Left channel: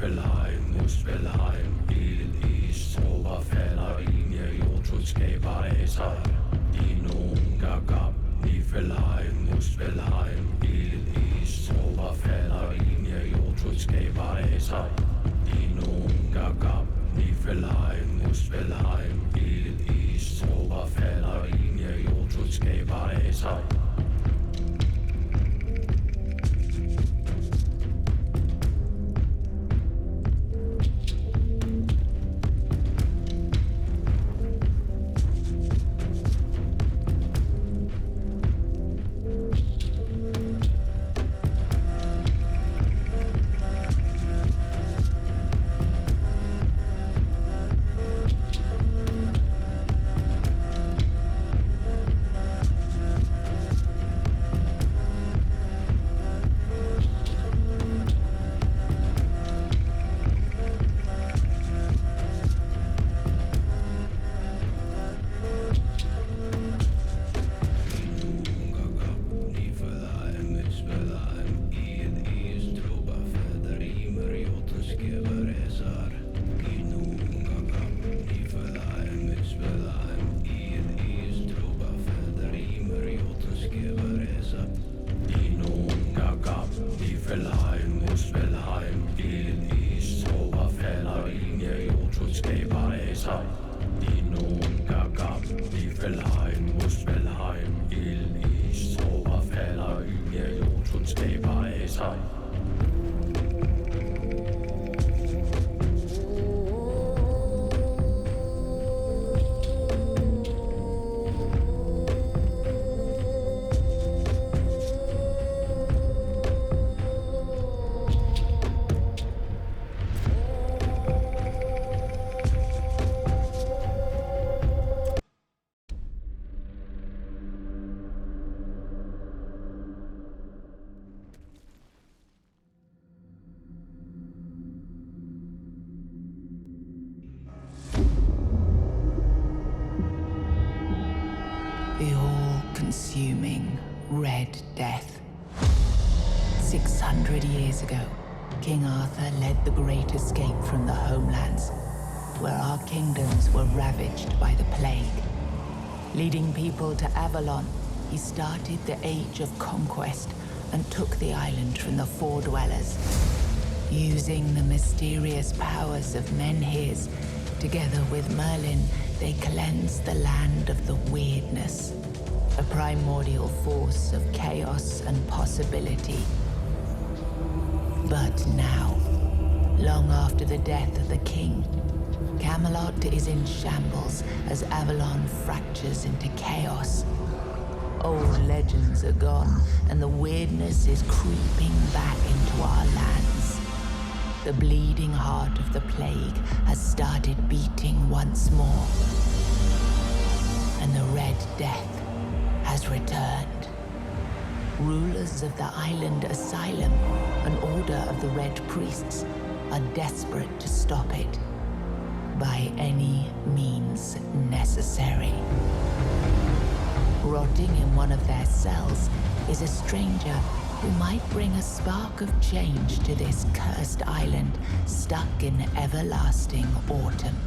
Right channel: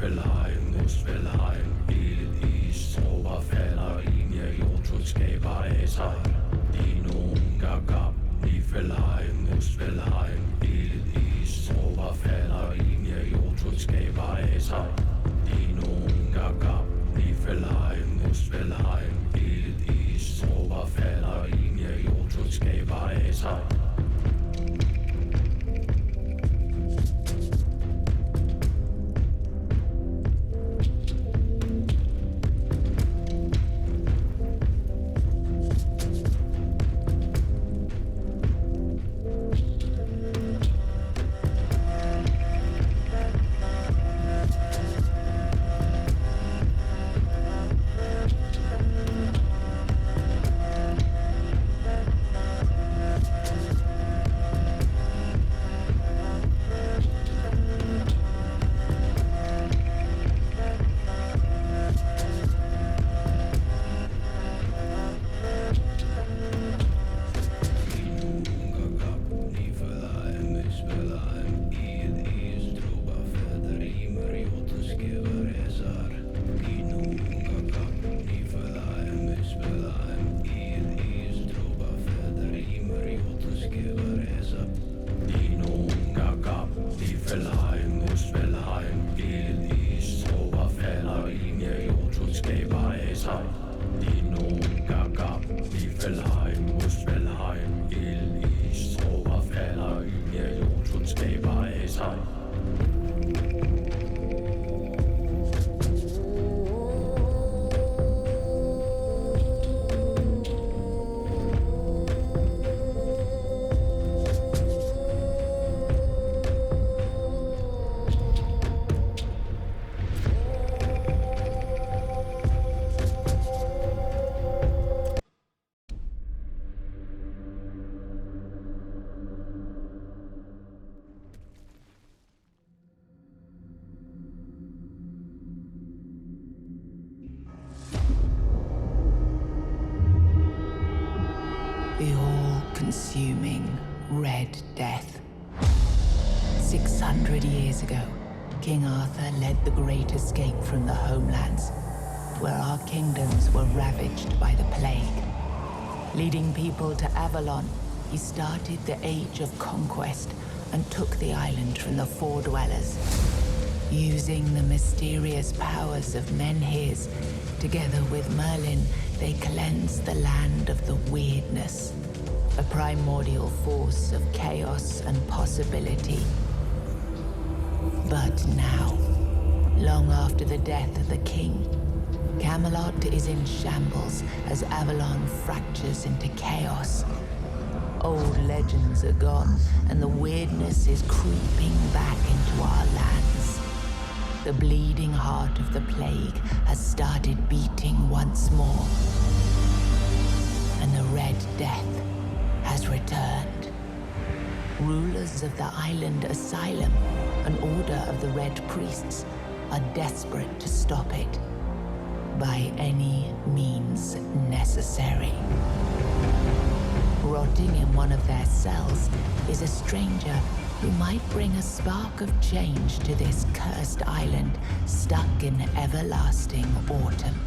Niflheim, Muspelheim, Ildis, Zauberfelder, Linie, Jotun skaber af sig. Dinoen gagab, Niflheim, Muspelheim, Ildis, Zauberfelder, Linie, Jotun skaber af sig. Dinoen gagab, Niflheim, Muspelheim, Ildis, Zauberfelder, Linie, Jotun skaber af sig. The all-consuming Red Death. 600 years ago, King Arthur led the Great Escape from the homelands, where our kingdoms were ravaged by the plague. Leading people to Avalon, he started the Age of Conquest and took the island from the Four Dwellers. Using the mysterious powers of Menhirs, together with Merlin, they cleansed the land of the weirdness, a primordial force of chaos and possibility. But now, long after the death of the king, Camelot is in shambles as Avalon fractures into chaos. Old legends are gone, and the weirdness is creeping back into our lands. The bleeding heart of the plague has started beating once more, and the Red Death has returned. Rulers of the island asylum, an order of the Red Priests, are desperate to stop it by any means necessary. Rotting in one of their cells is a stranger who might bring a spark of change to this cursed island stuck in everlasting autumn.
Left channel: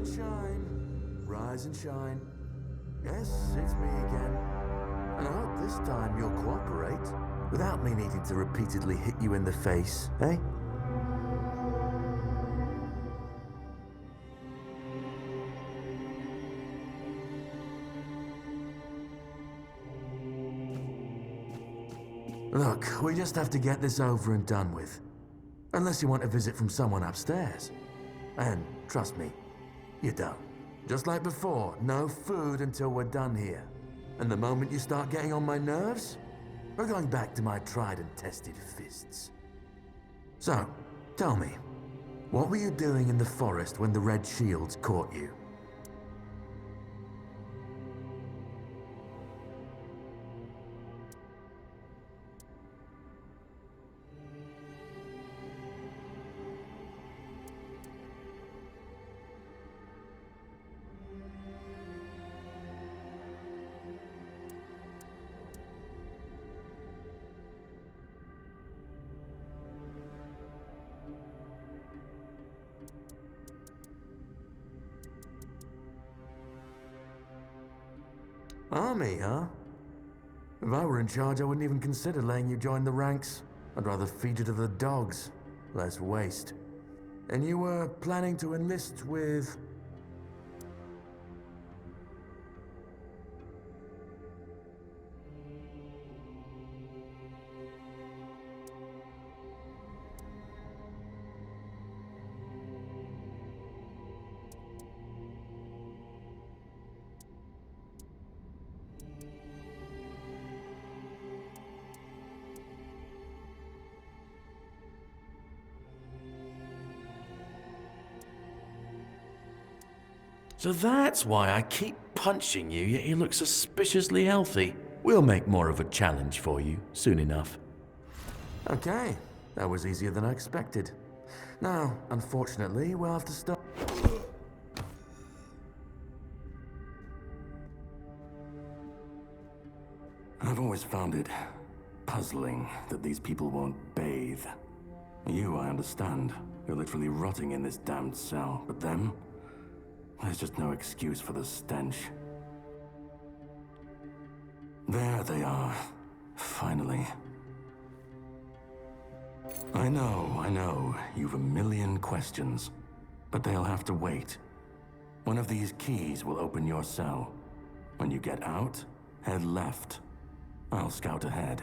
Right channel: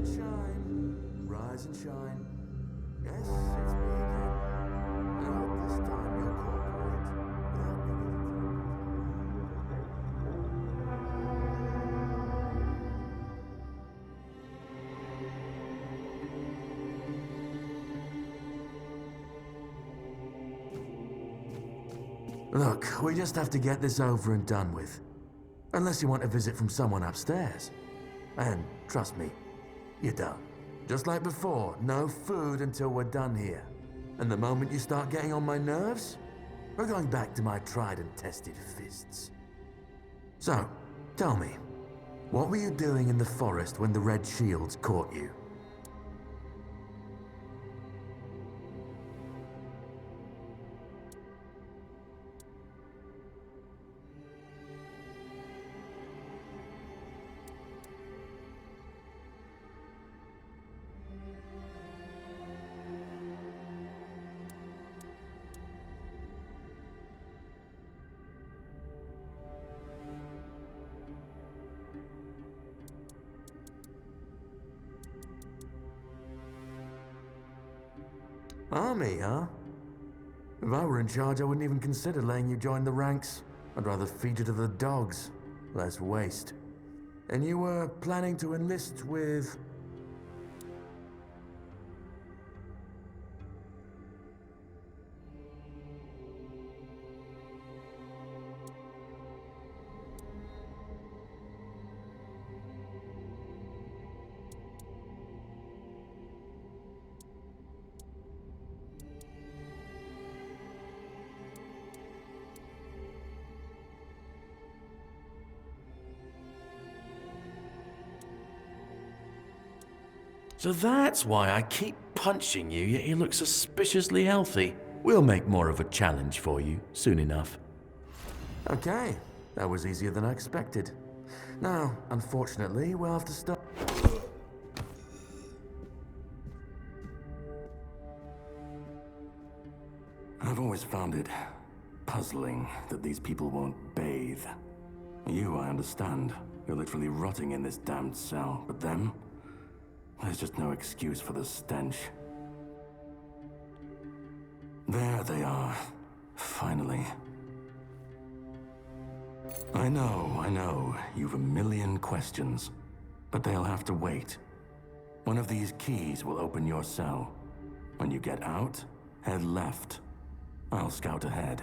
and shine. Rise and shine. Yes, it's me again. And I hope this time you'll cooperate without me needing to repeatedly hit you in the face, eh? Look, we just have to get this over and done with. Unless you want a visit from someone upstairs. And trust me, you don't. Just like before, no food until we're done here. And the moment you start getting on my nerves, we're going back to my tried and tested fists. So, tell me, what were you doing in the forest when the Red Shields caught you? Army, huh? If I were in charge, I wouldn't even consider letting you join the ranks. I'd rather feed you to the dogs. Less waste. And you were planning to enlist with... So that's why I keep punching you, yet you look suspiciously healthy. We'll make more of a challenge for you soon enough. Okay, that was easier than I expected. Now, unfortunately, we'll have to start... I've always found it puzzling that these people won't bathe. You, I understand. You're literally rotting in this damned cell, but them? There's just no excuse for the stench. There they are. Finally. I know. You've a million questions. But they'll have to wait. One of these keys will open your cell. When you get out, head left. I'll scout ahead.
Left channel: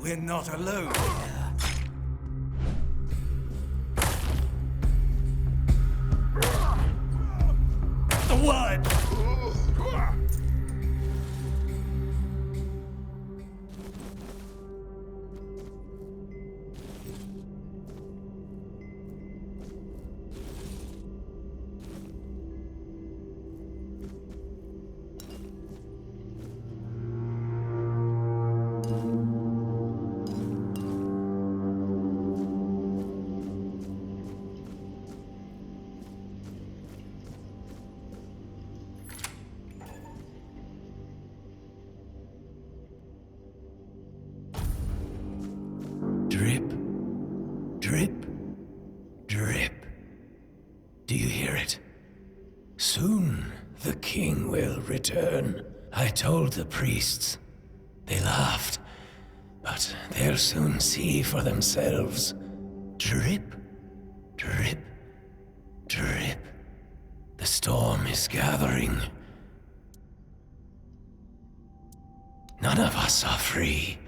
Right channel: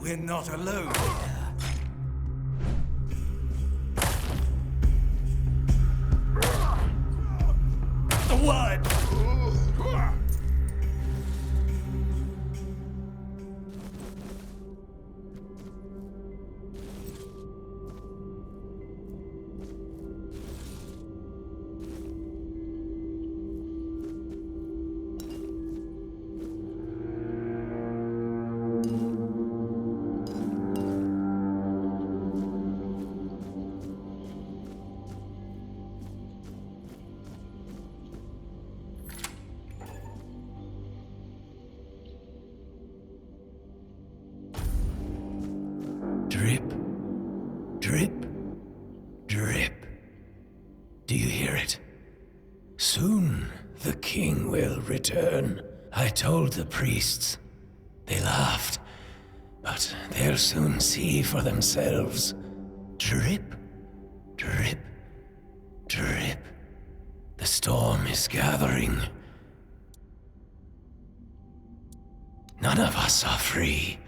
We're not alone here. The word! Drip, drip, drip. Do you hear it? Soon the king will return. I told the priests. They laughed, but they'll soon see for themselves. Drip, drip, drip. The storm is gathering. None of us are free.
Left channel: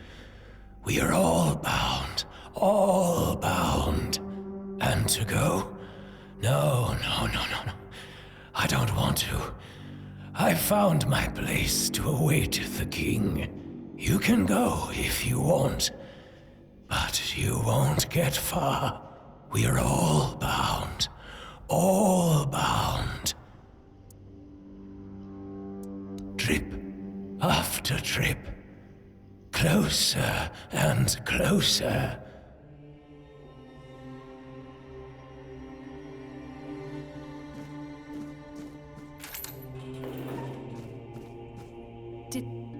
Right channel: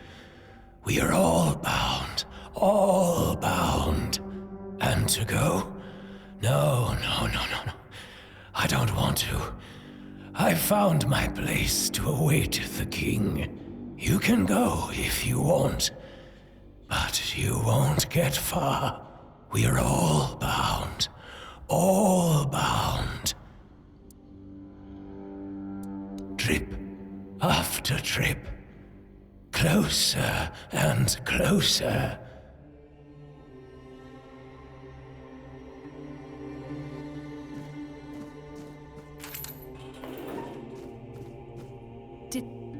We are all bound. All bound. And to go? No. I don't want to. I've found my place to await the king. You can go if you want, but you won't get far. We are all bound. All bound. Trip after trip. Closer and closer.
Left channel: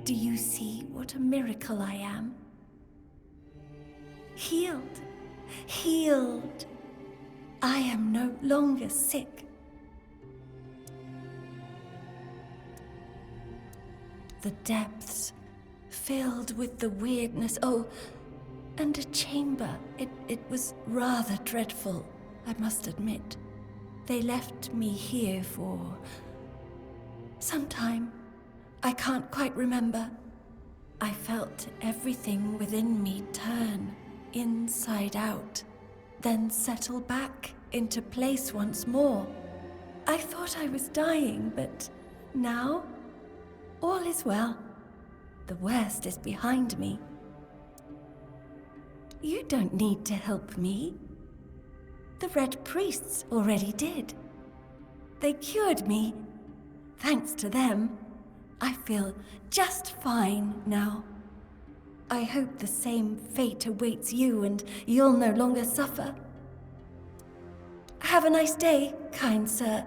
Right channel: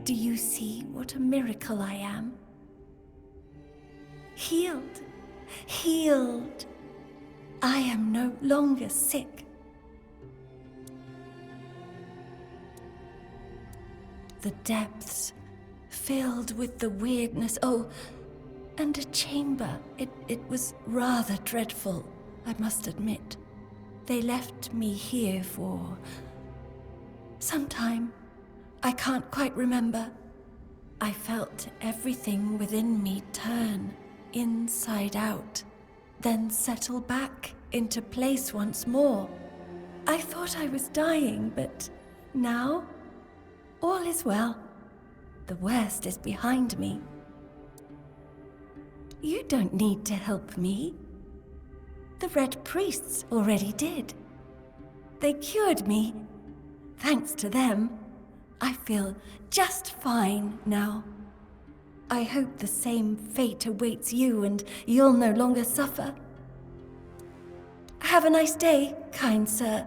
Do you see what a miracle I am? Healed. Healed. I am no longer sick. The depths filled with the weirdness. Oh, and a chamber. It was rather dreadful, I must admit. They left me here for some time. I can't quite remember. I felt everything within me turn inside out, then settle back into place once more. I thought I was dying, but now all is well. The worst is behind me. You don't need to help me. The Red Priests already did. They cured me. Thanks to them, I feel just fine now. I hope the same fate awaits you and you'll no longer suffer. Have a nice day, kind sir.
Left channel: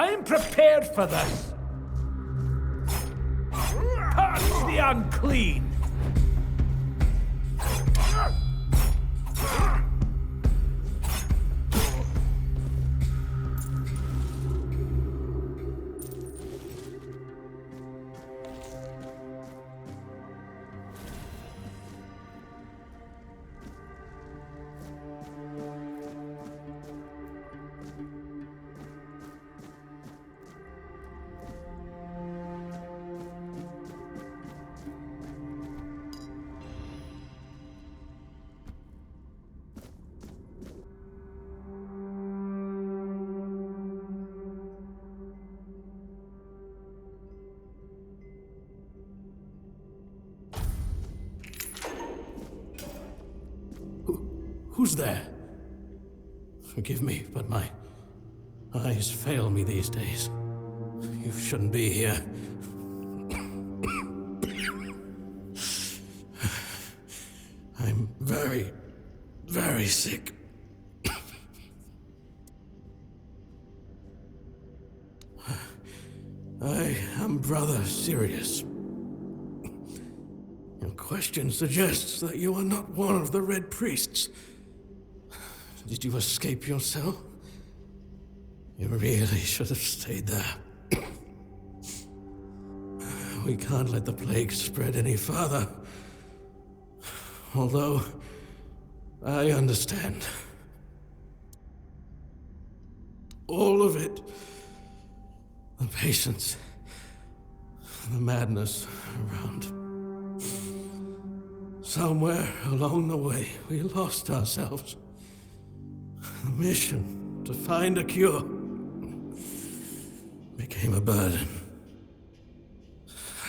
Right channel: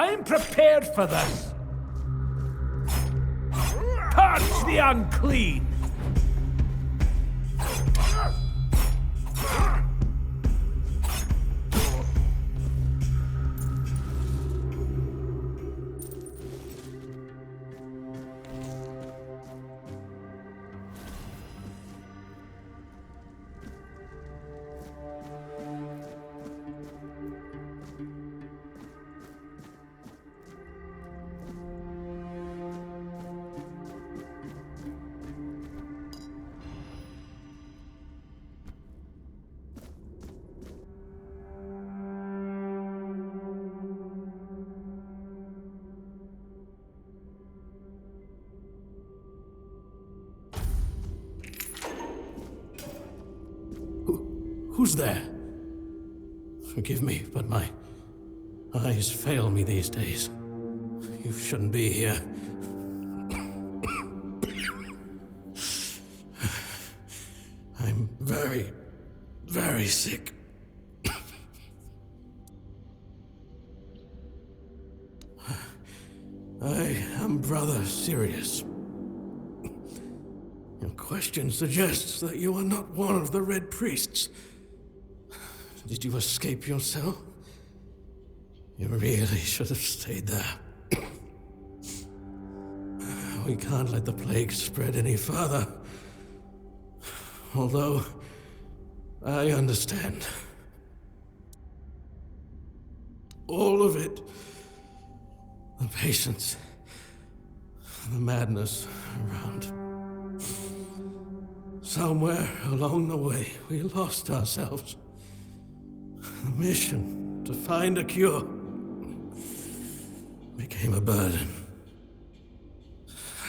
I'm prepared for this. Purge the unclean. Who's there? Forgive me, but my eyes fail me these days. You shouldn't be here. I'm very, very sick. I am Brother Sirius. Your question suggests that you are not one of the Red Priests. Did you escape your cell? You really should have stayed there. We can't let the plague spread any further. Although, I understand. All of it. The patience. The madness around. Somewhere along the way, we lost ourselves. The mission to find a cure became a burden.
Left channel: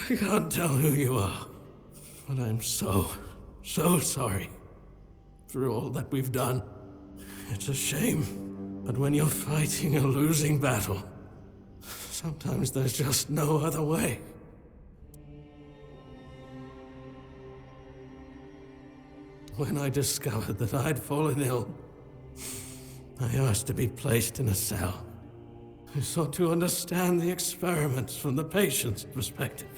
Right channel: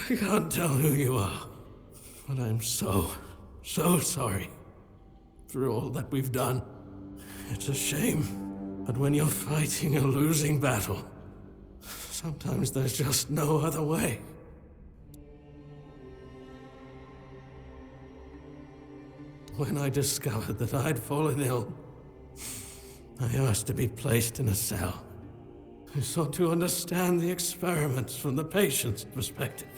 I can't tell who you are, but I'm so sorry for all that we've done. It's a shame, but when you're fighting a losing battle, sometimes there's just no other way. When I discovered that I'd fallen ill, I asked to be placed in a cell. I sought to understand the experiments from the patient's perspective.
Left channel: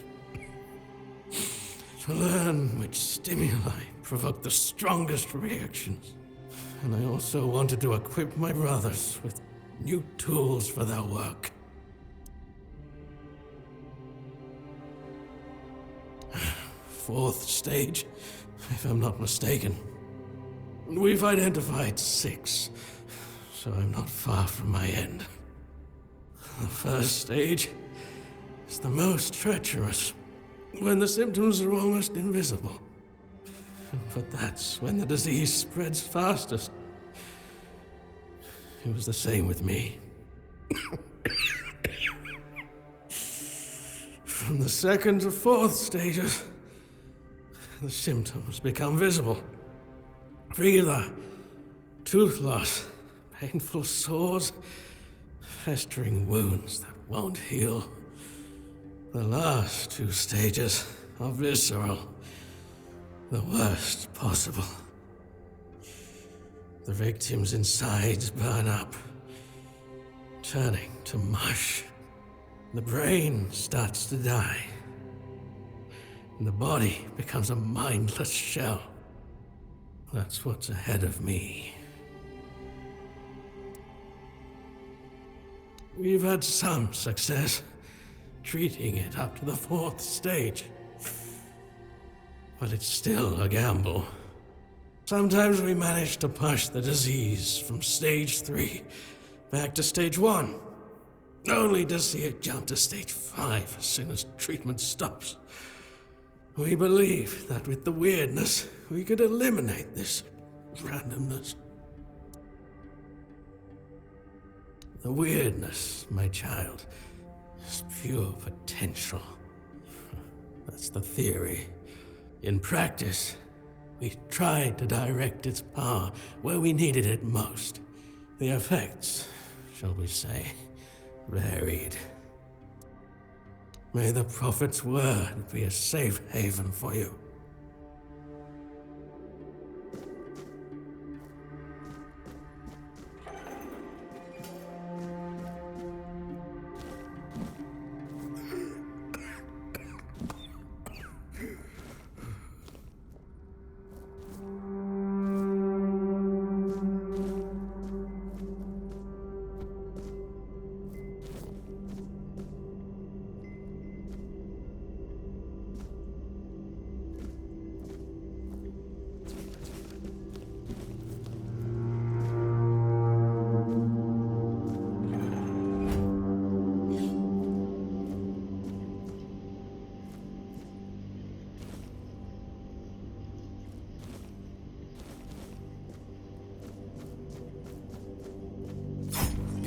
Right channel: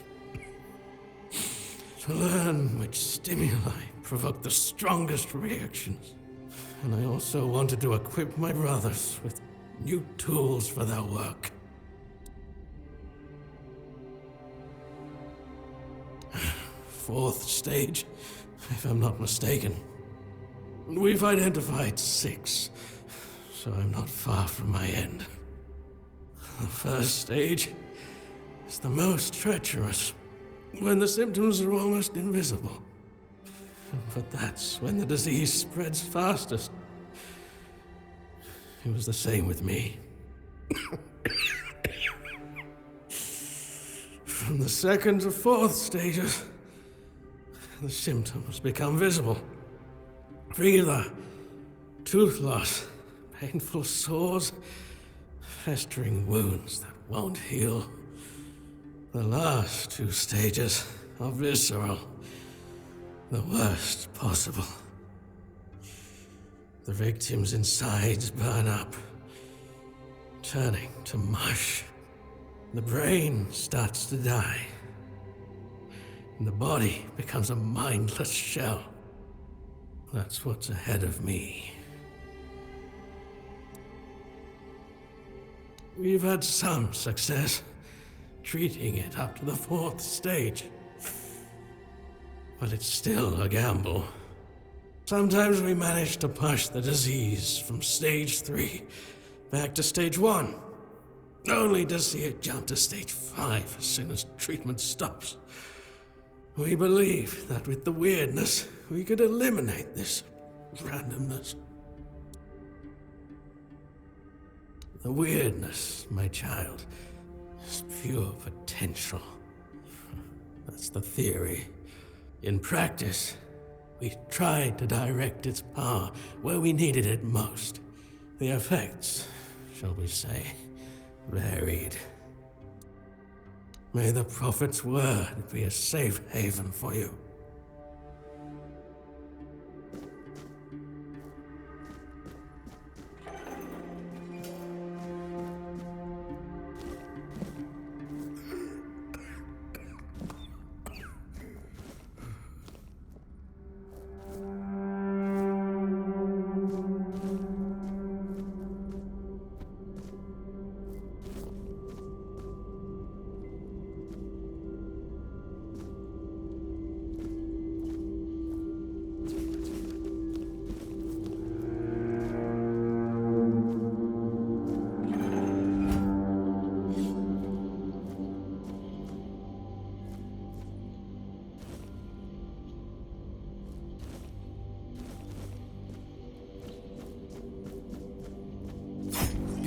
To learn which stimuli provoke the strongest reactions. And I also wanted to equip my brothers with new tools for their work. Fourth stage, if I'm not mistaken. We've identified 6. So I'm not far from my end. The first stage is the most treacherous, when the symptoms are almost invisible. But that's when the disease spreads fastest. It was the same with me. From the second to fourth stages, the symptoms become visible. Fever, tooth loss, painful sores, festering wounds that won't heal. The last 2 stages are visceral, the worst possible. The victim's insides burn up, turning to mush. The brain starts to die, and the body becomes a mindless shell. That's what's ahead of me. We've had some success treating it up to the 4th stage. But it's still a gamble. Sometimes we manage to push the disease from stage 3 back to stage 1, only to see it jump to stage 5 as soon as treatment stops. We believe that with the weirdness, we could eliminate this randomness. The weirdness, my child, is pure potential. That's the theory. In practice, we tried to direct its power where we needed it most. The effects, shall we say, varied. May the Prophet's word be a safe haven for you.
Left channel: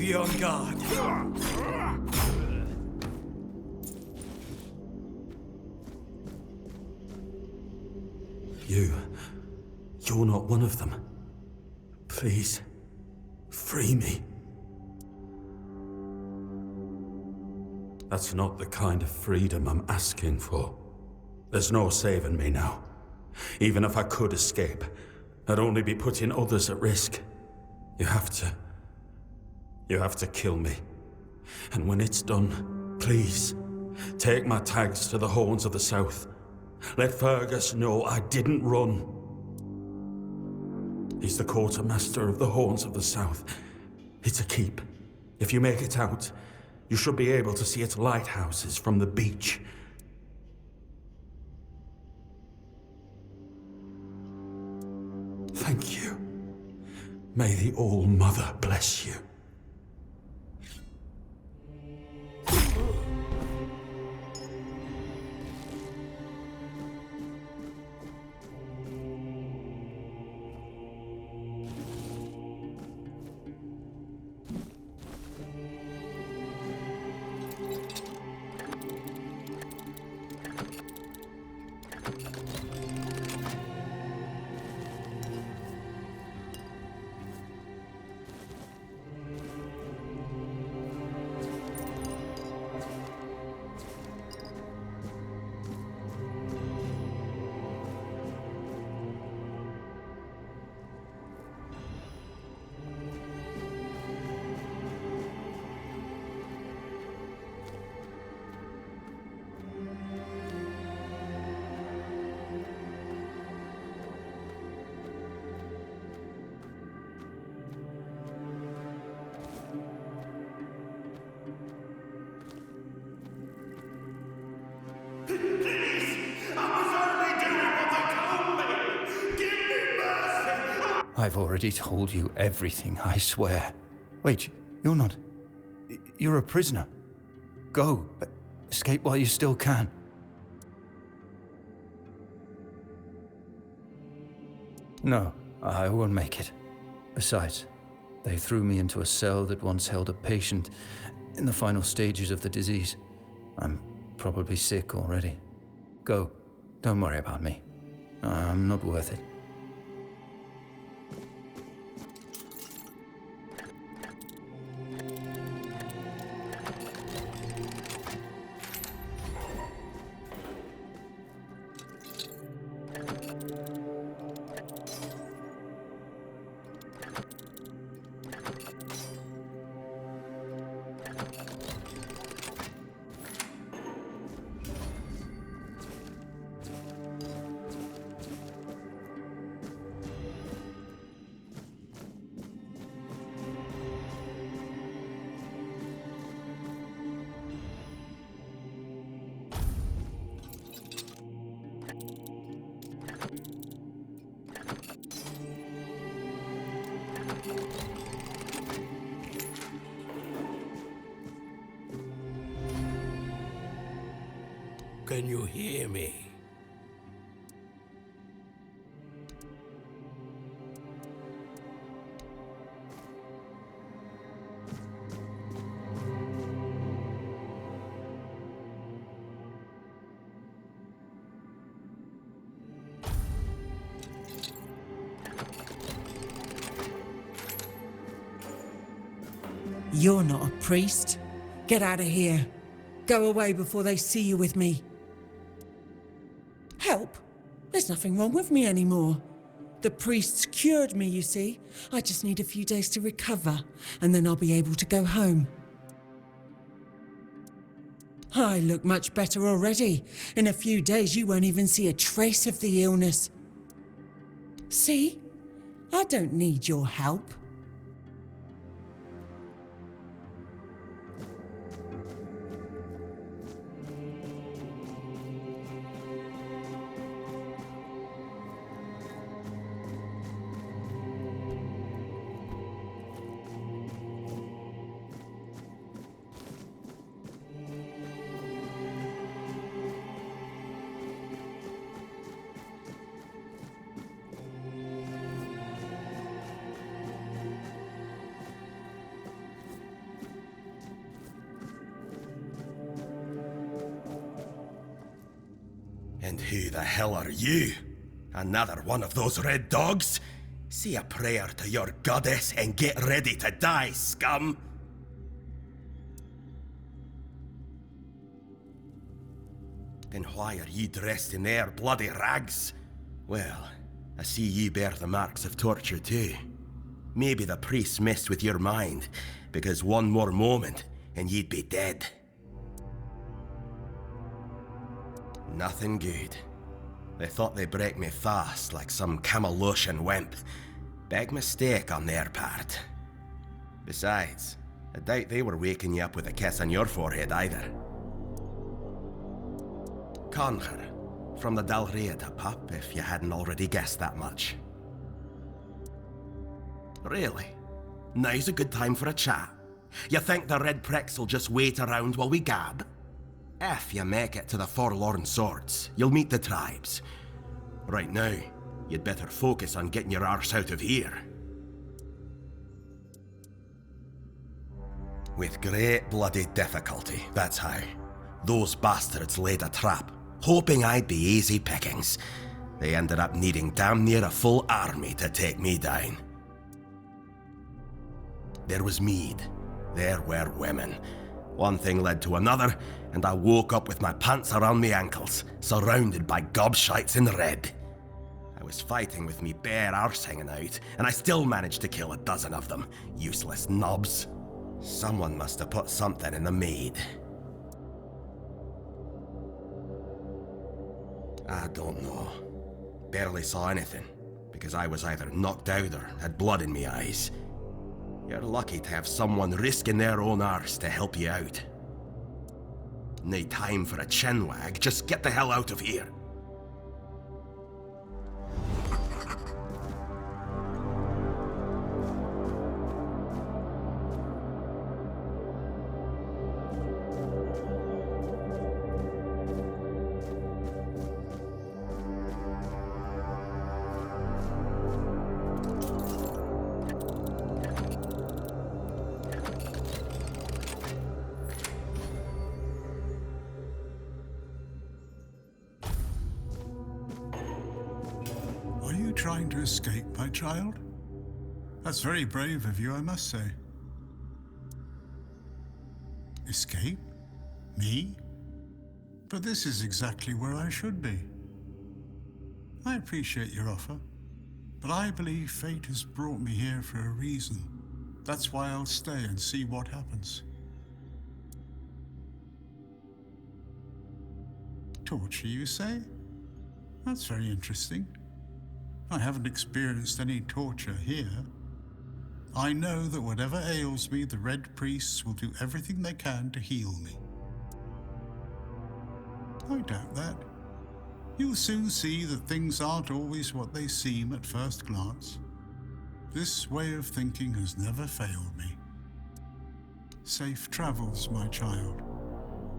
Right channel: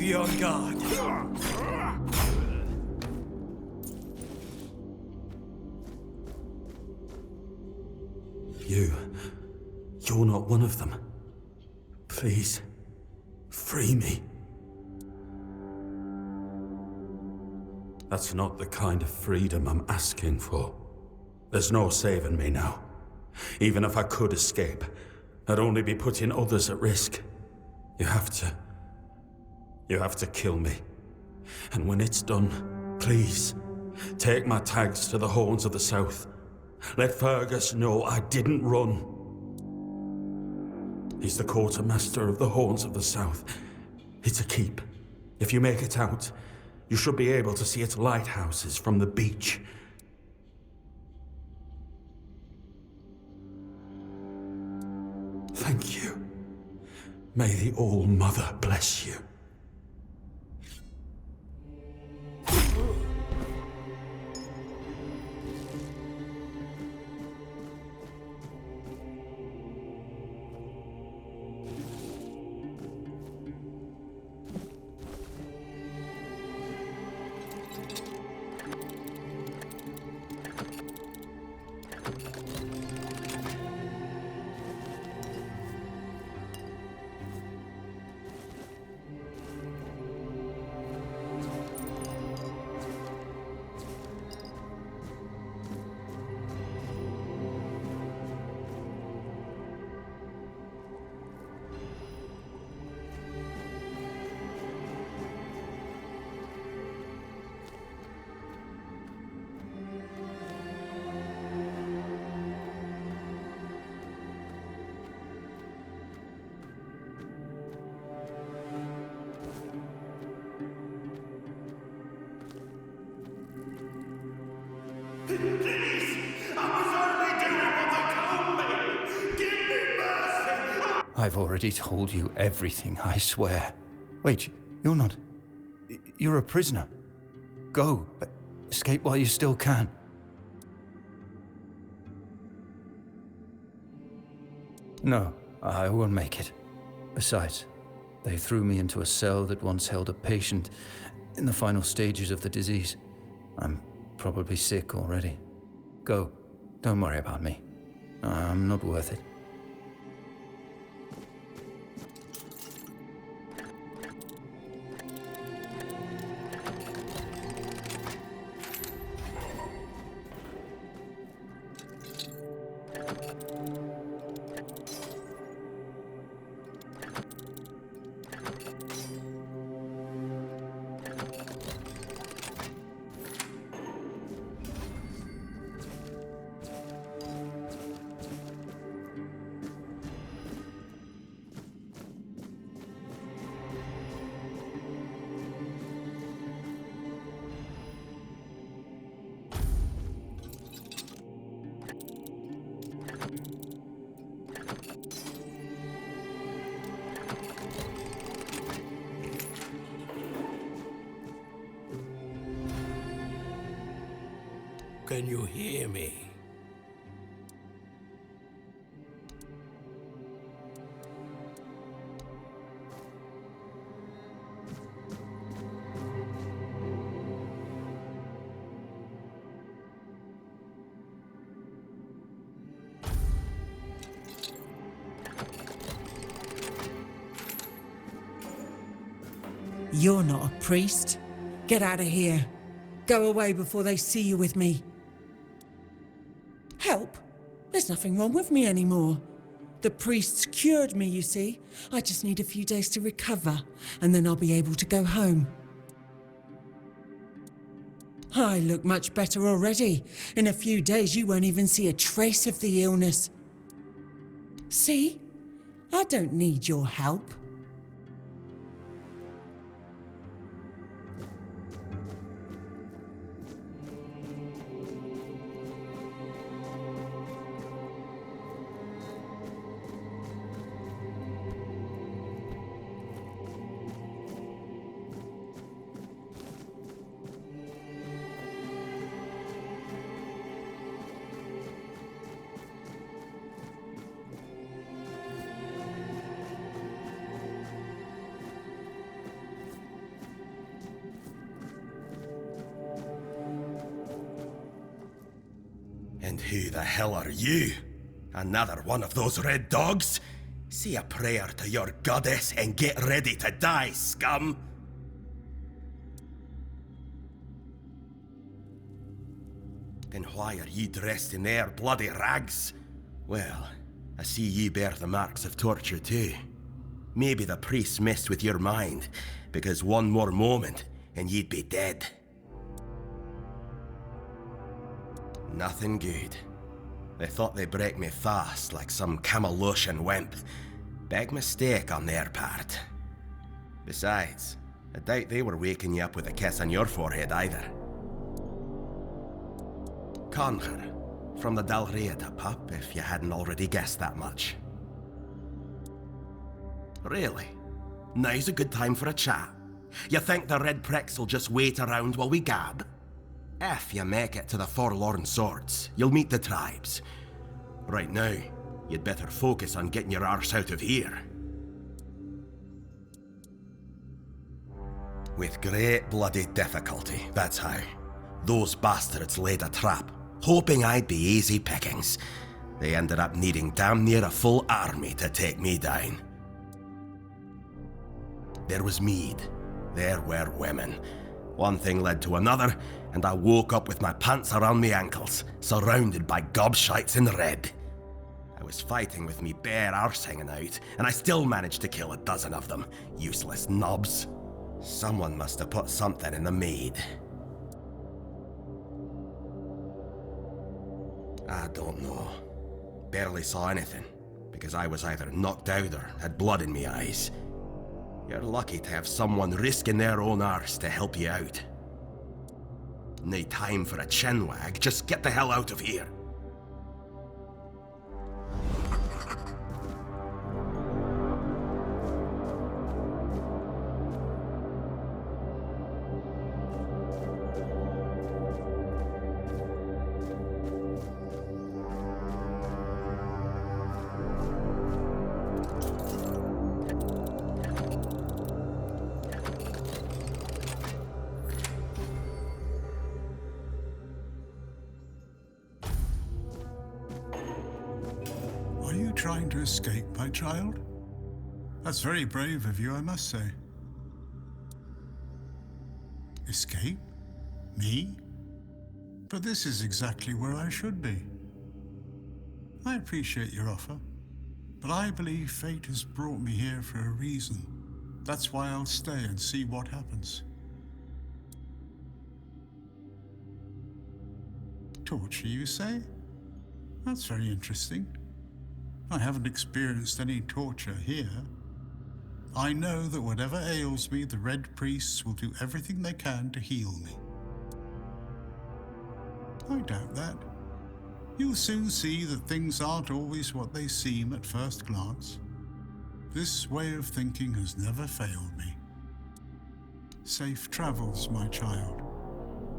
Be on guard. You're not one of them. Please, free me. That's not the kind of freedom I'm asking for. There's no saving me now. Even if I could escape, I'd only be putting others at risk. You have to kill me. And when it's done, please, take my tags to the Horns of the South. Let Fergus know I didn't run. He's the quartermaster of the Horns of the South. It's a keep. If you make it out, you should be able to see its lighthouses from the beach. Thank you. May the All-Mother bless you. I've already told you everything, I swear. Wait, you're not... You're a prisoner. Go. Escape while you still can. No, I won't make it. Besides, they threw me into a cell that once held a patient in the final stages of the disease. I'm probably sick already. Go. Don't worry about me. I'm not worth it. Can you hear me? You're not a priest. Get out of here. Go away before they see you with me. Help? There's nothing wrong with me anymore. The priests cured me, you see. I just need a few days to recover, and then I'll be able to go home. I look much better already. In a few days, you won't even see a trace of the illness. See? I don't need your help. And who the hell are you? Another one of those red dogs? Say a prayer to your goddess and get ready to die, scum! Then why are you dressed in their bloody rags? Well, I see you bear the marks of torture too. Maybe the priests messed with your mind, because one more moment and you'd be dead. Nothing good. They thought they'd break me fast, like some Camelotian wimp. Big mistake on their part. Besides, I doubt they were waking you up with a kiss on your forehead either. Conquer, from the Dalrieta pup, if you hadn't already guessed that much. Really? Now's a good time for a chat. You think the red pricks will just wait around while we gab? If you make it to the Forlorn Swords, you'll meet the tribes. Right now, you'd better focus on getting your arse out of here. With great bloody difficulty, that's how. Those bastards laid a trap, hoping I'd be easy pickings. They ended up needing damn near a full army to take me down. There was mead. There were women. One thing led to another, and I woke up with my pants around my ankles, surrounded by gobshites in red. I was fighting with me bare arse hanging out, and I still managed to kill a dozen of them. Useless knobs. Someone must have put something in the mead. I don't know. Barely saw anything, because I was either knocked out or had blood in me eyes. You're lucky to have someone risking their own arse to help you out. No time for a chinwag, just get the hell out of here. Are you trying to escape, my child? That's very brave of you, I must say. Escape? Me? But this is exactly where I should be. I appreciate your offer, but I believe fate has brought me here for a reason. That's why I'll stay and see what happens. Torture, you say? That's very interesting. I haven't experienced any torture here. I know that whatever ails me, the Red Priests will do everything they can to heal me. I doubt that. You'll soon see that things aren't always what they seem at first glance. This way of thinking has never failed me. Safe travels, my child.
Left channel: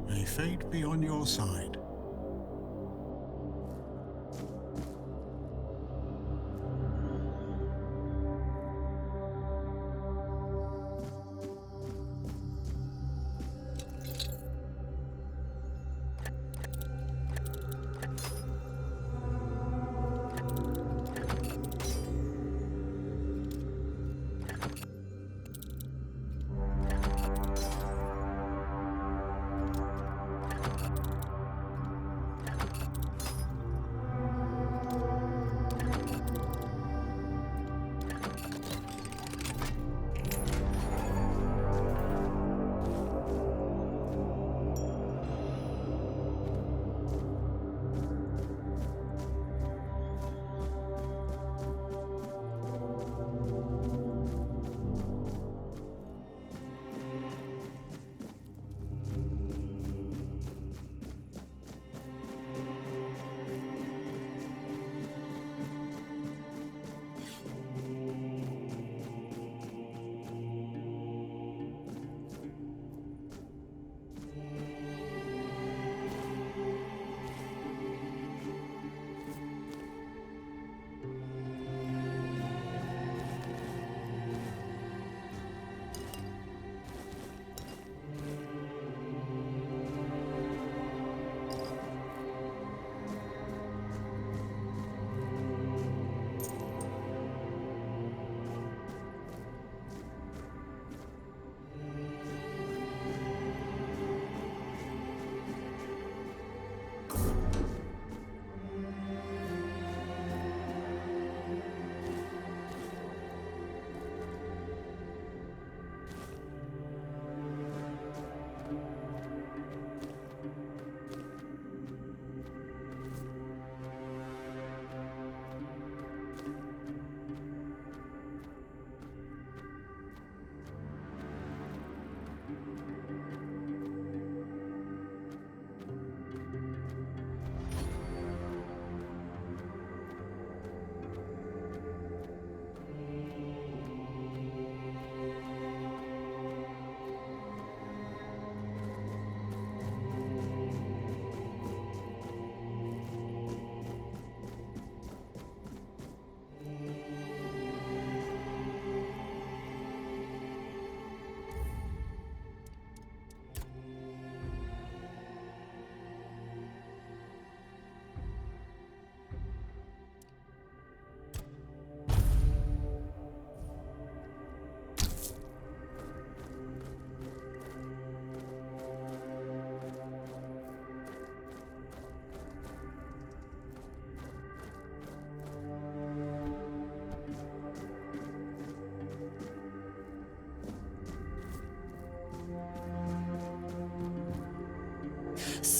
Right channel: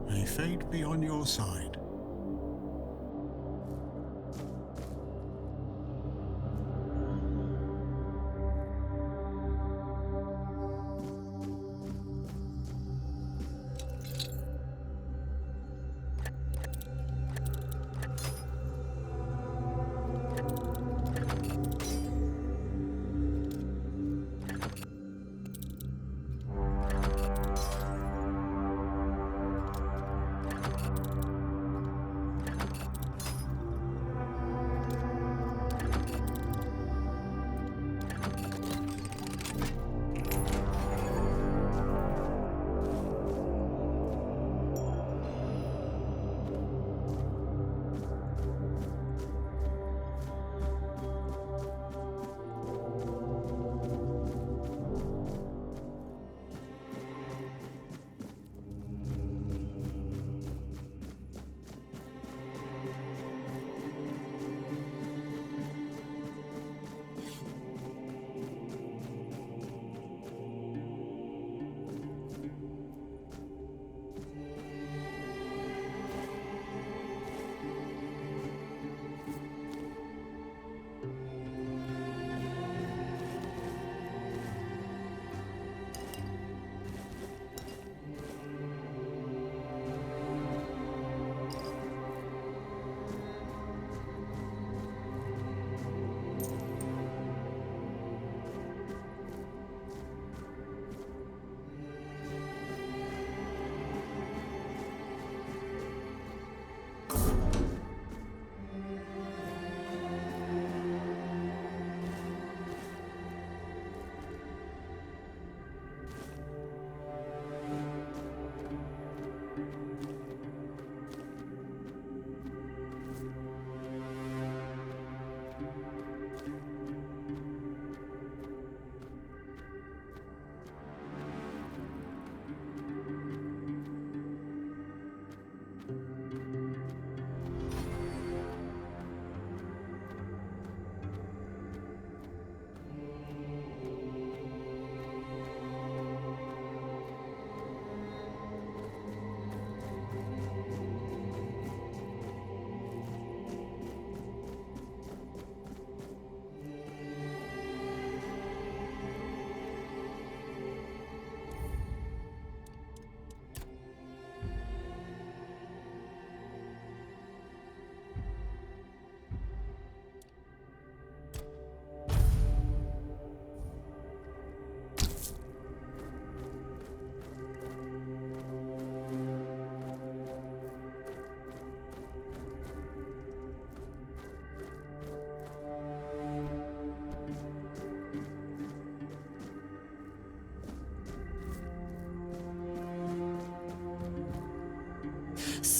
May fate be on your side.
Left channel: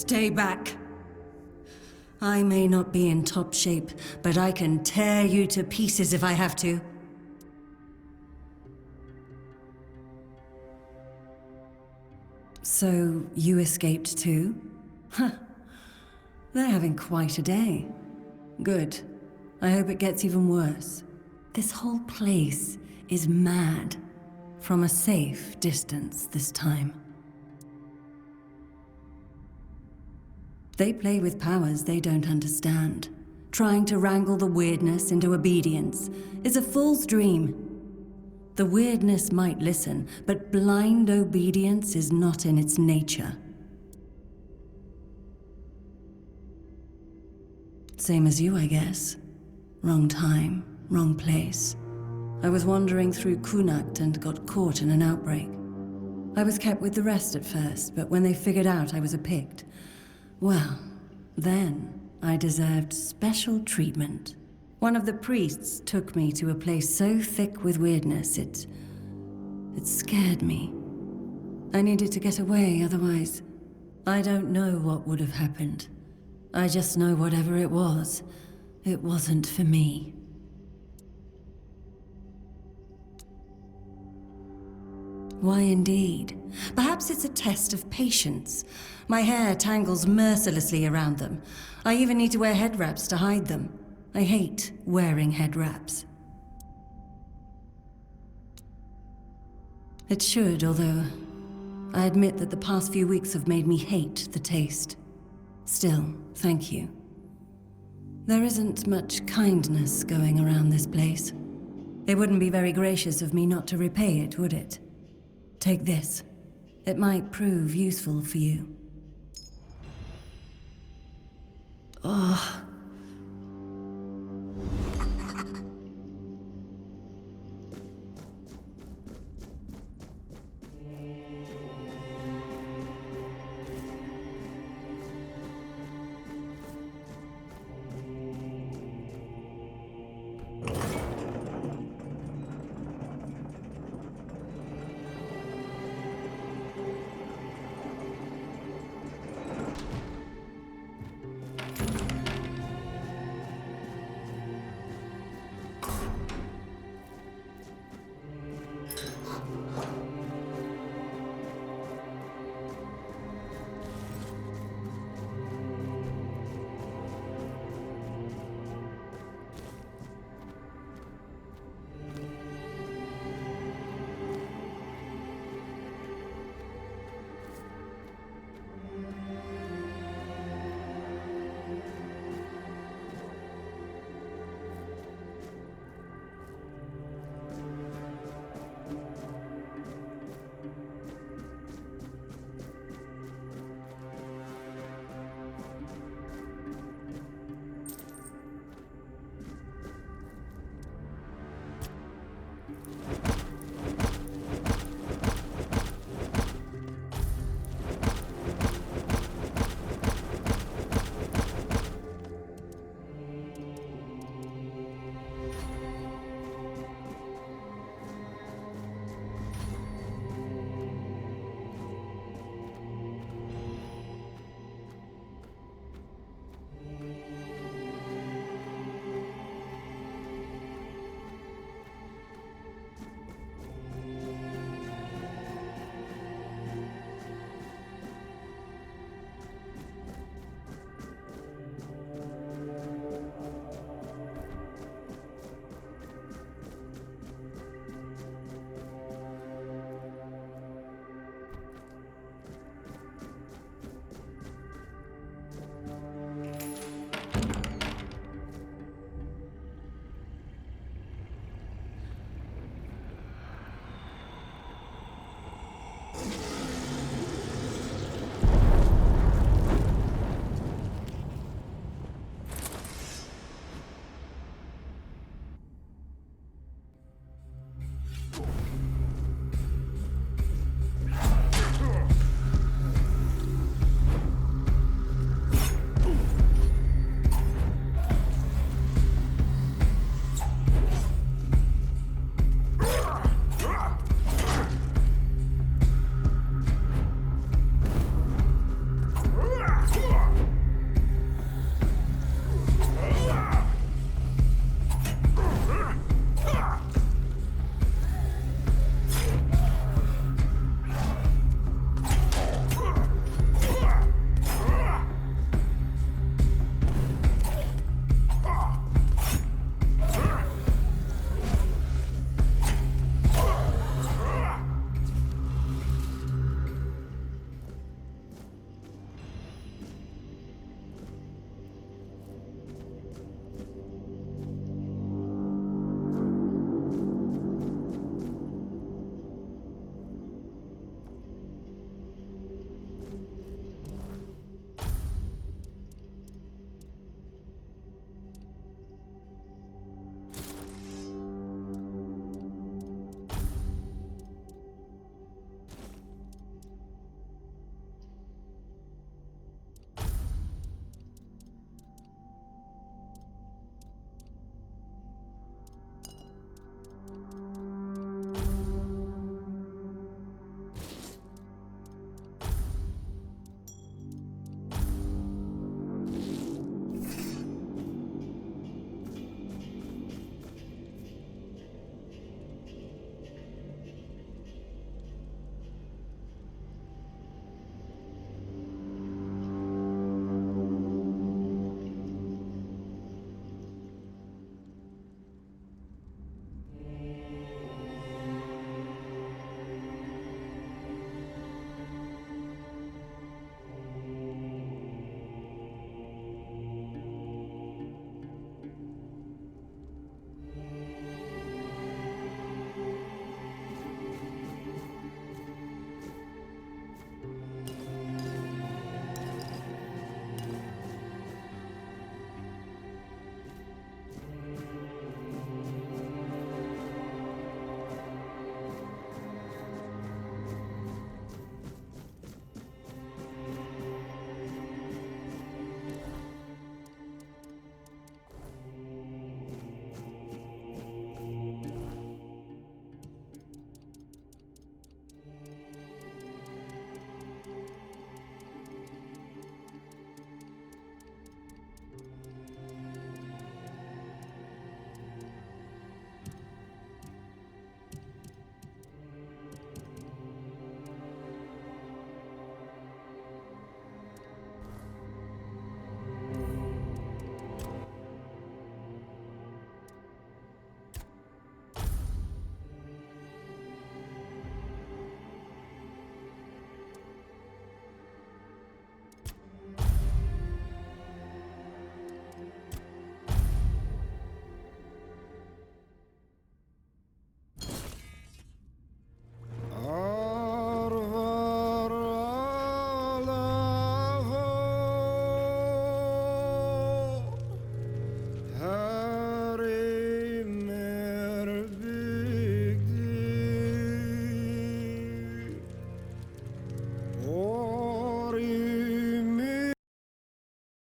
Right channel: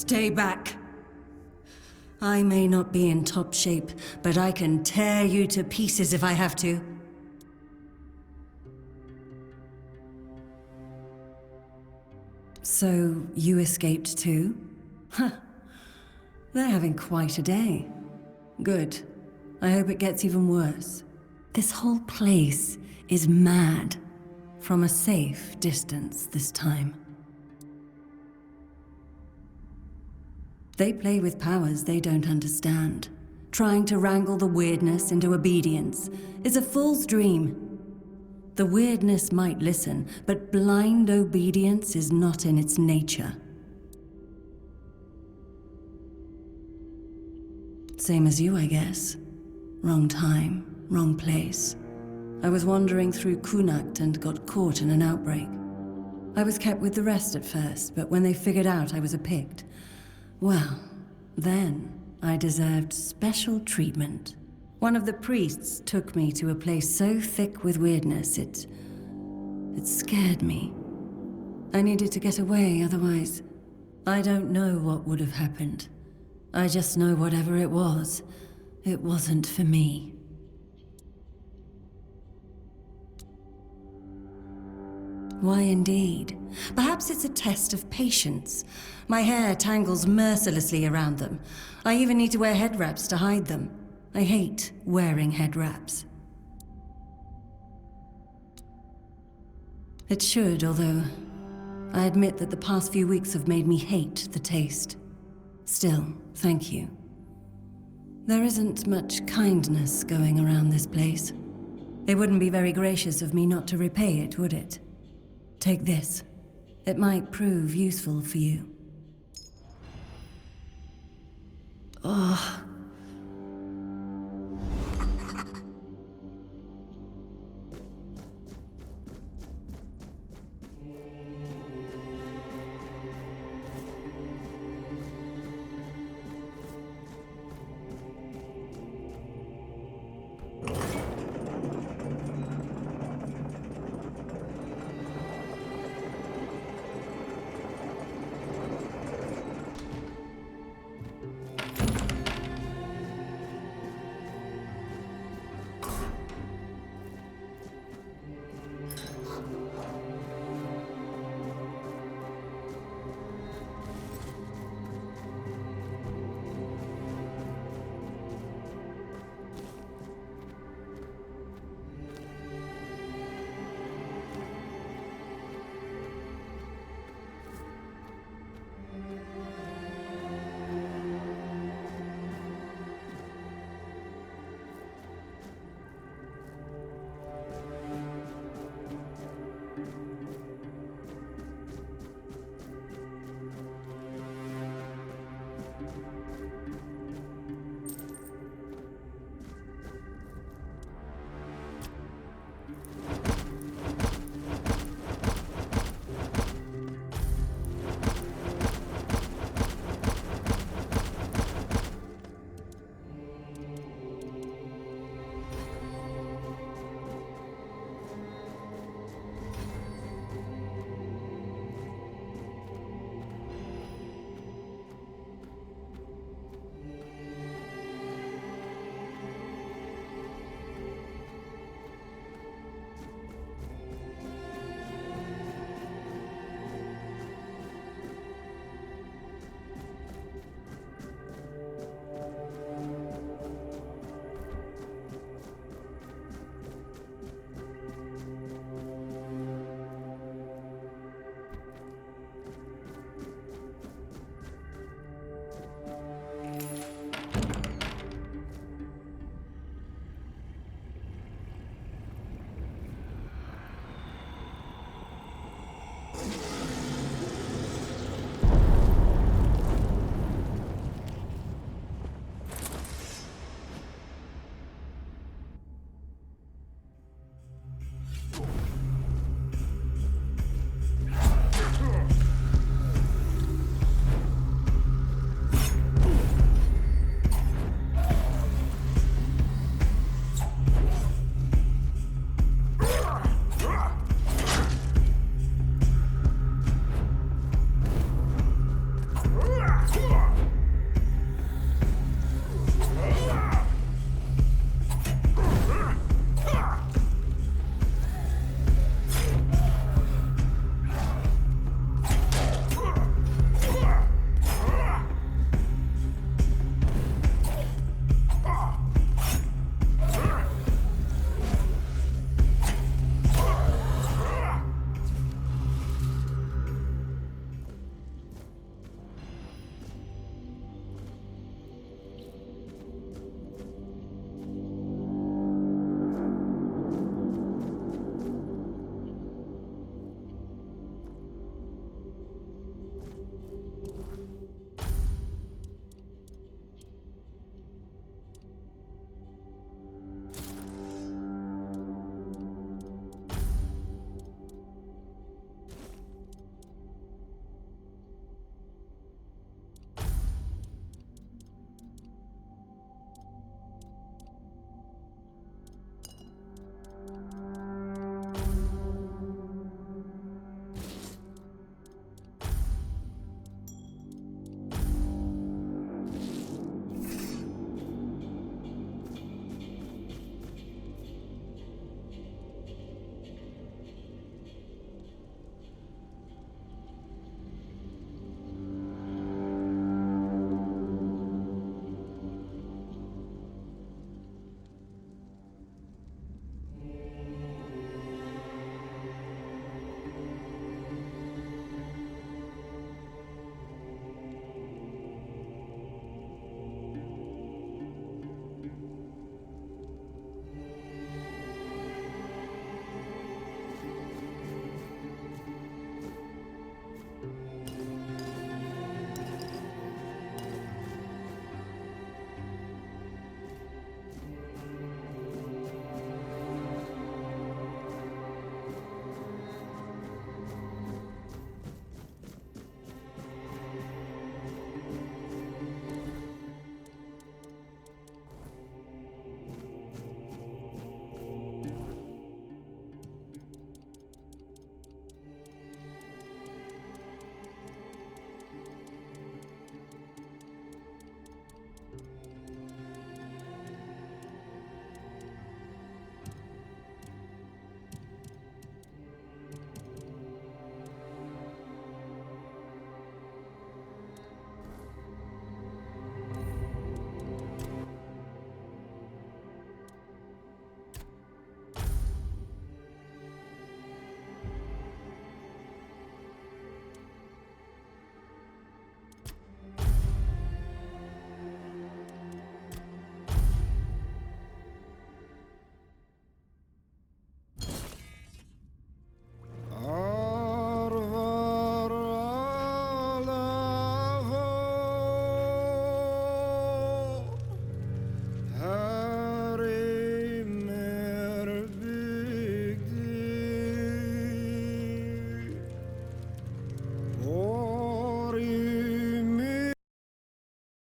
Stay back. I may not be in top shape, but I can tear you to pieces if I have to. So, you escaped too? Huh. They're having quite a day. Good. I hope it gets even worse. This whole place is mad. From a safe distance this time. They play with powers they don't understand. Trying to wrangle the weirdness into obedience is a fool's dream. The weirdness might listen, but blind obedience is not in its nature. Same as you, I guess. Wrong time, wrong place. I was wandering through Kunakt and got caught in an outbreak. I was kept with the rest at first, but when they figured out I was a Pict, well, then I deserved special treatment. One of the priests took me to a place so thick with weirdness, it scared me. I needed to get away, otherwise, I don't know what would have happened. I just know whatever it wasn't for me. Why indeed? Perhaps it's a test of patience. My hair tangles mercilessly around them. I even need to wear head wraps to hide them. I hate wearing head wraps. It should, although I admit that the past few weeks have made me hate the taste. Still, thank you. There isn't much kindness going around this place. It wouldn't be very gracious of me not to repay it, would it? Take this. It might prove useful for you.